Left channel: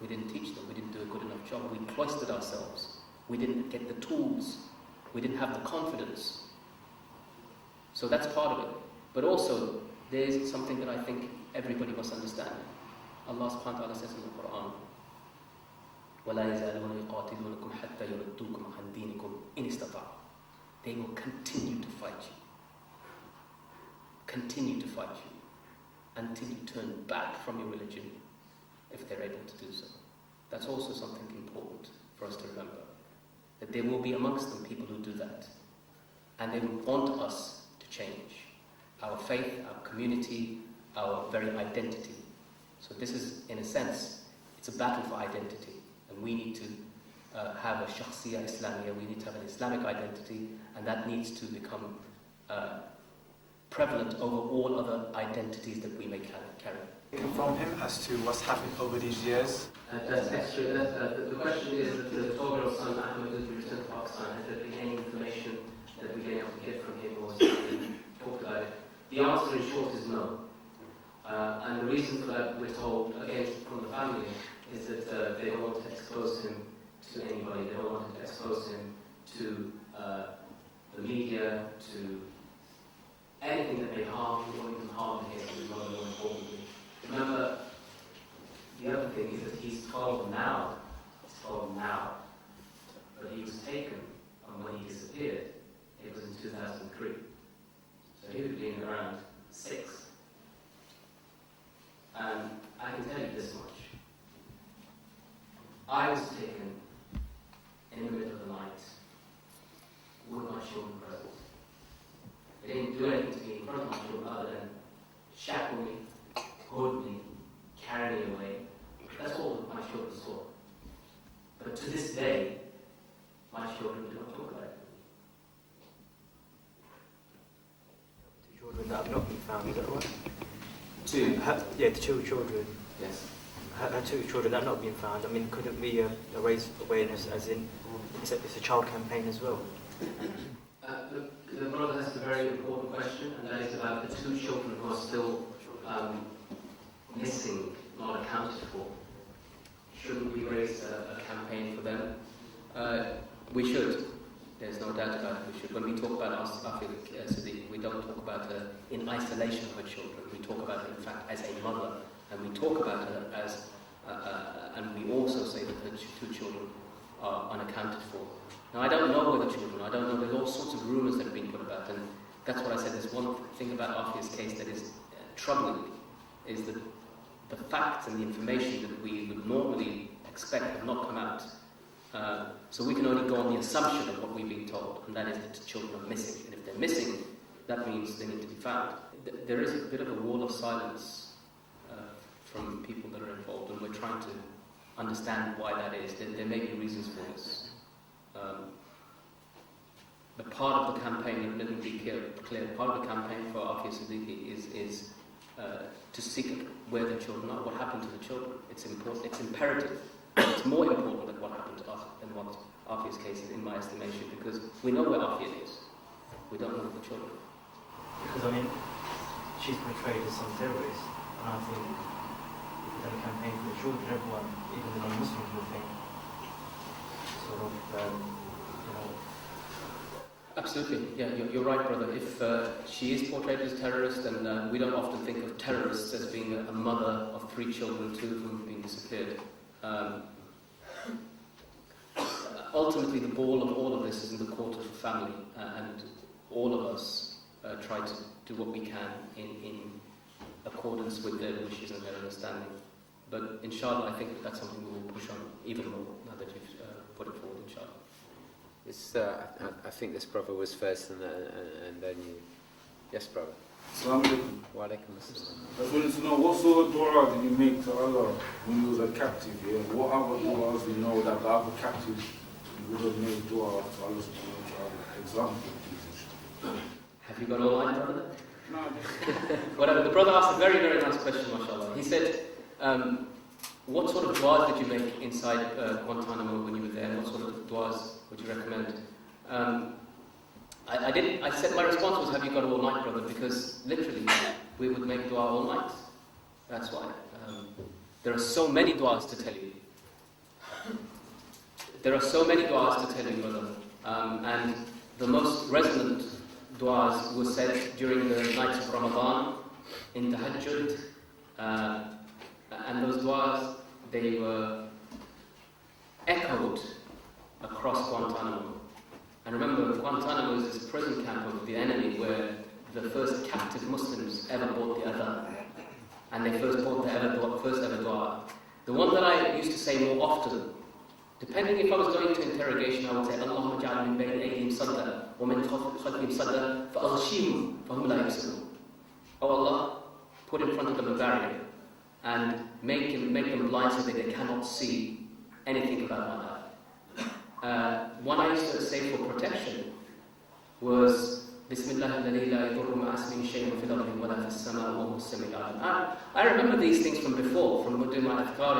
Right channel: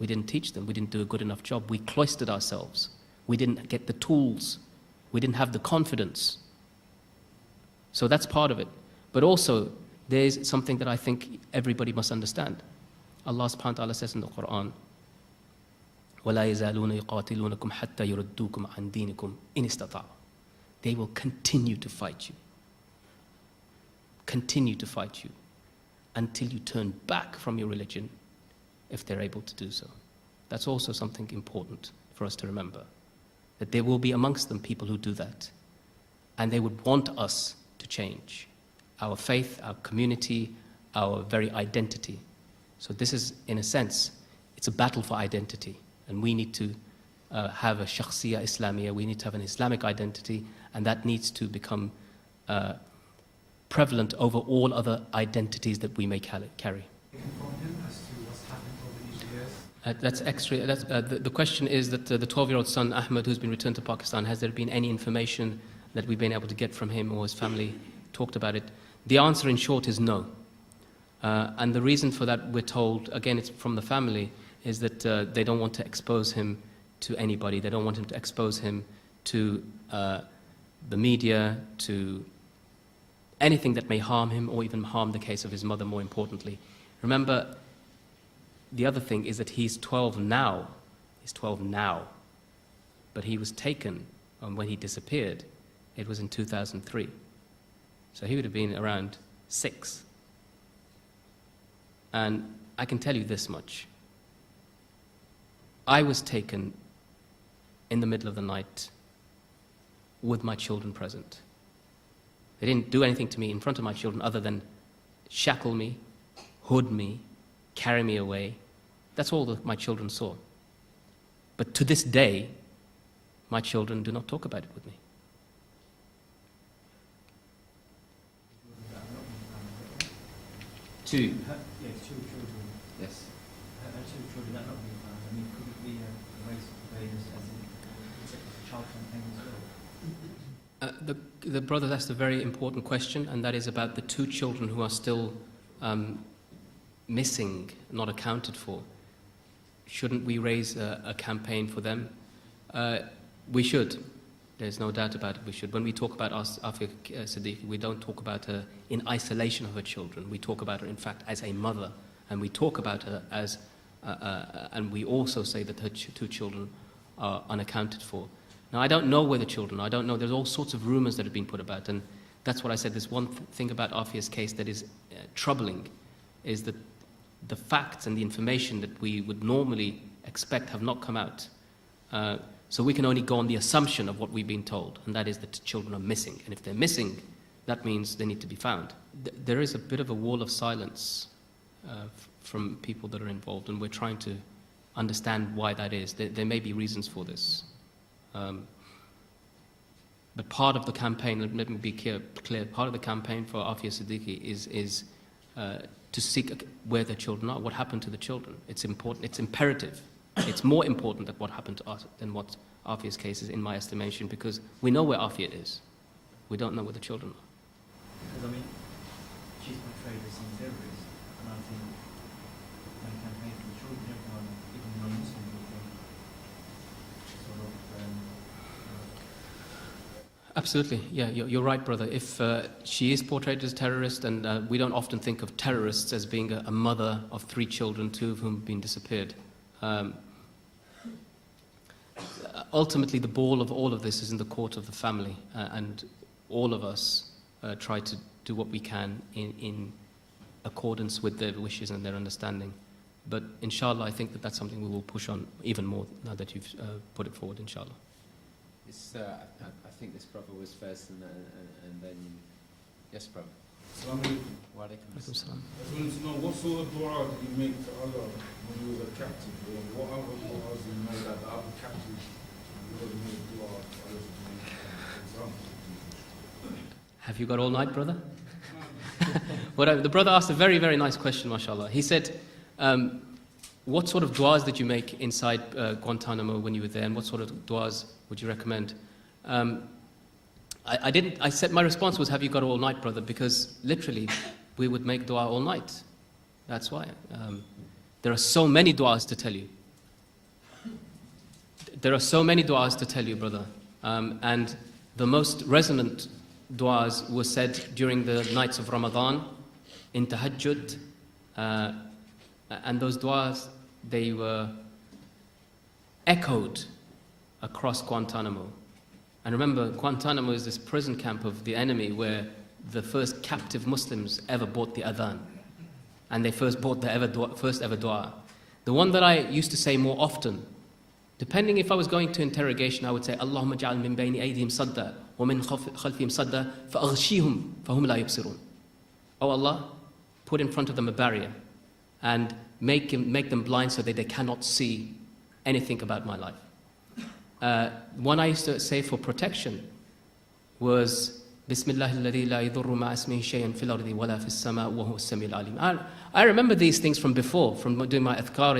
We didn't teach them. We didn't do a good enough job. We cloistered ourselves. We didn't get the tools. We didn't have the confidence. So that's part of it. But also, there's something that I think everybody must understand. Allah subhanahu wa ta'ala says in the Quran, وَلَا يَزَالُونَ يُقَاتِلُونَكُمْ حَتَّى يُرُدُّوكُمْ عَنْ دِينِكُمْ إِنِ اسْتَطَاعُوا. They will continue to fight you. Continue to fight you until you turn back from your religion, if they're able to do so. That's also something important for us to remember, that there will be amongst them people who do that, and they would want us to change our faith, our community, our very identity. So this is, in a sense, it's a battle for identity, and we need to have a shakhsiyya Islamiyya, we need to have an Islamic identity, and that needs to become prevalent over all other identities that we may carry. From him as to what's happened over these years? That's extra. The question is that the 12-year-old son, Ahmed, who's been returned to Pakistan, has there been any information that we've been able to get from him or his family talked about it? The answer in short is no. And the reason for that, we're told, again, it's from the family, is that they don't want to expose him to anybody. They don't want him to expose him to the media, to anything that may harm him or even harm the case of his mother, more importantly. Remember, the other thing is that he's 12 now. He's 12 now. But he was taken, and when he disappeared, it was in 2003. So he would have been around 6. And I can tell you this much. I was taken in the middle of the night with my children present. They didn't do anything to me in front of my children other than shackle me, hood me, carry me away. That's all that my children saw. But to this day, my children do not talk about it with me. Children that have not been found, is that right? Two? The two children. Yes. Two children that have not been found. I mean, couldn't we raise awareness as in, it's a child campaign as well? The brother asked a very important question, and that is about the 2 children who are still missing, not accounted for. Shouldn't we raise a campaign for them? We should. There's no doubt about it, we should. When we talk about Afia Siddiqui, we don't talk about her in isolation of her children. We talk about her, in fact, as a mother, and we talk about her as, and we also say that her 2 children are unaccounted for. Now, I don't know where the children are. I don't know. There's all sorts of rumors that have been put about, and that's what I said. There's one thing about Afia's case that is troubling, is that the facts and the information that we would normally expect have not come out. So we can only go on the assumption of what we've been told, and that is that the children are missing. And if they're missing, that means they need to be found. There is a bit of a wall of silence from people that are involved, and we're trying to understand why that is. There may be reasons for this. But part of the campaign, let me be clear, part of the campaign for Afia Siddiqui is to seek where the children are, what happened to the children. It's important, it's imperative. It's more important than what happened to us than what Afia's case is, in my estimation, because we know where Afia is. We don't know where the children are. Because, I mean, she's portrayed as some terrorist, and I think that campaign for the children, everyone, even the non-Muslims, would think sort of, Absolutely, yeah, you're right, brother. If she is portrayed as a terrorist, and we don't often think of terrorists as being a mother of 3 children, 2 of whom have been disappeared. Ultimately, the ball of all of this is in the court of the family, and all of us try to do what we can in accordance with their wishes and their understanding. But inshallah, I think that that's something we will push on even more now that you've put it forward, inshallah. I think this brother was first, and then you. Yes, brother. Assalamu alaikum. Wa alaikum assalam. I just wanted to know, what sort of dua did you make to Allah when you was a captive? Yeah? What other duas do you know that the other captives you would have made dua to Allah subhanahu wa ta'ala? For example, please. Have you got all night, brother? Well, the brother asked a very, very nice question, mashallah. He said, what sort of duas did you make inside Guantanamo when you were there, and what sort of duas would you recommend? I said my response was, have you got all night, brother? Because literally, we would make dua all night. That's why. There are so many duas to tell you. there are so many du'as to tell you, brother. And the most resonant du'as were said during the nights of Ramadan, in tahajjud. And those du'as, they were echoed across Guantanamo. And remember, Guantanamo is this prison camp of the enemy where the first captive Muslims ever bought the adhan. And they first bought the first ever dua. The one that I used to say more often, depending if I was going to interrogation, I would say, Allahumma ja'al min bayni aydihim sadda, wa min khalfihim sadda, fa'aghshihum, fahum la yubsirun. Oh Allah, put in front of them a barrier and make them blind so that they cannot see anything about my life. One I used to say for protection was Bismillah alladhi la yadurru ma'a ismihi shay'un fil ardi wala fis sama' wa huwa as-sami'ul 'alim. I remember these things from before, from doing my adhkar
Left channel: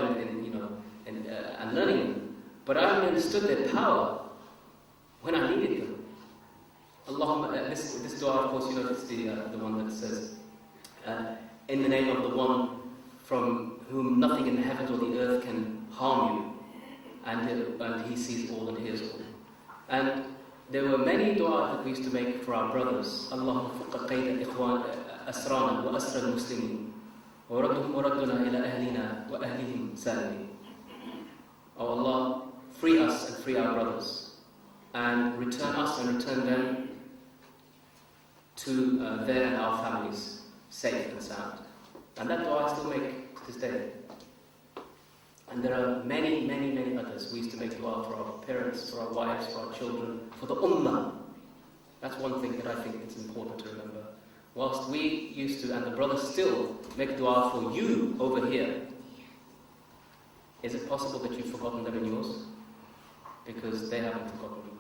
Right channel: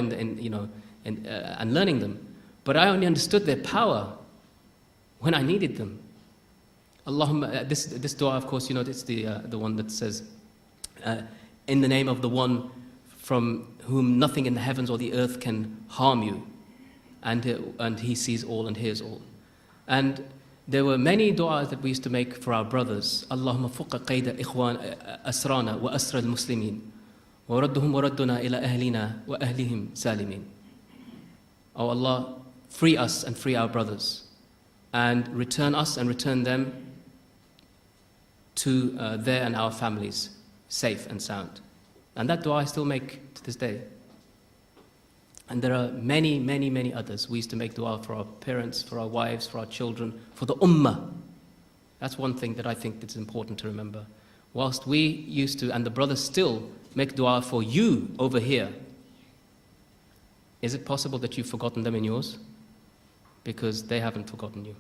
and learning them, but I only understood their power when I needed them. Allahumma, this dua, of course, it's the one that says, in the name of the one from whom nothing in the heavens or the earth can harm you, and he sees all and hears all. And there were many du'as that we used to make for our brothers. Allahumma fuqqa qayda ikhwan asrana wa asra al-muslimin wa radduhum wa radduna ila ahlina wa ahlihim salimin. Oh Allah, free us and free our brothers, and return us and return them to their and our families safe and sound. And that dua I still make to this day. And there are many, many, many others. We used to make dua for our parents, for our wives, for our children, for the ummah. That's one thing that I think that's important to remember. Whilst we used to, and the brothers still, make dua for you over here, is it possible that you've forgotten them in yours? Because they haven't forgotten you.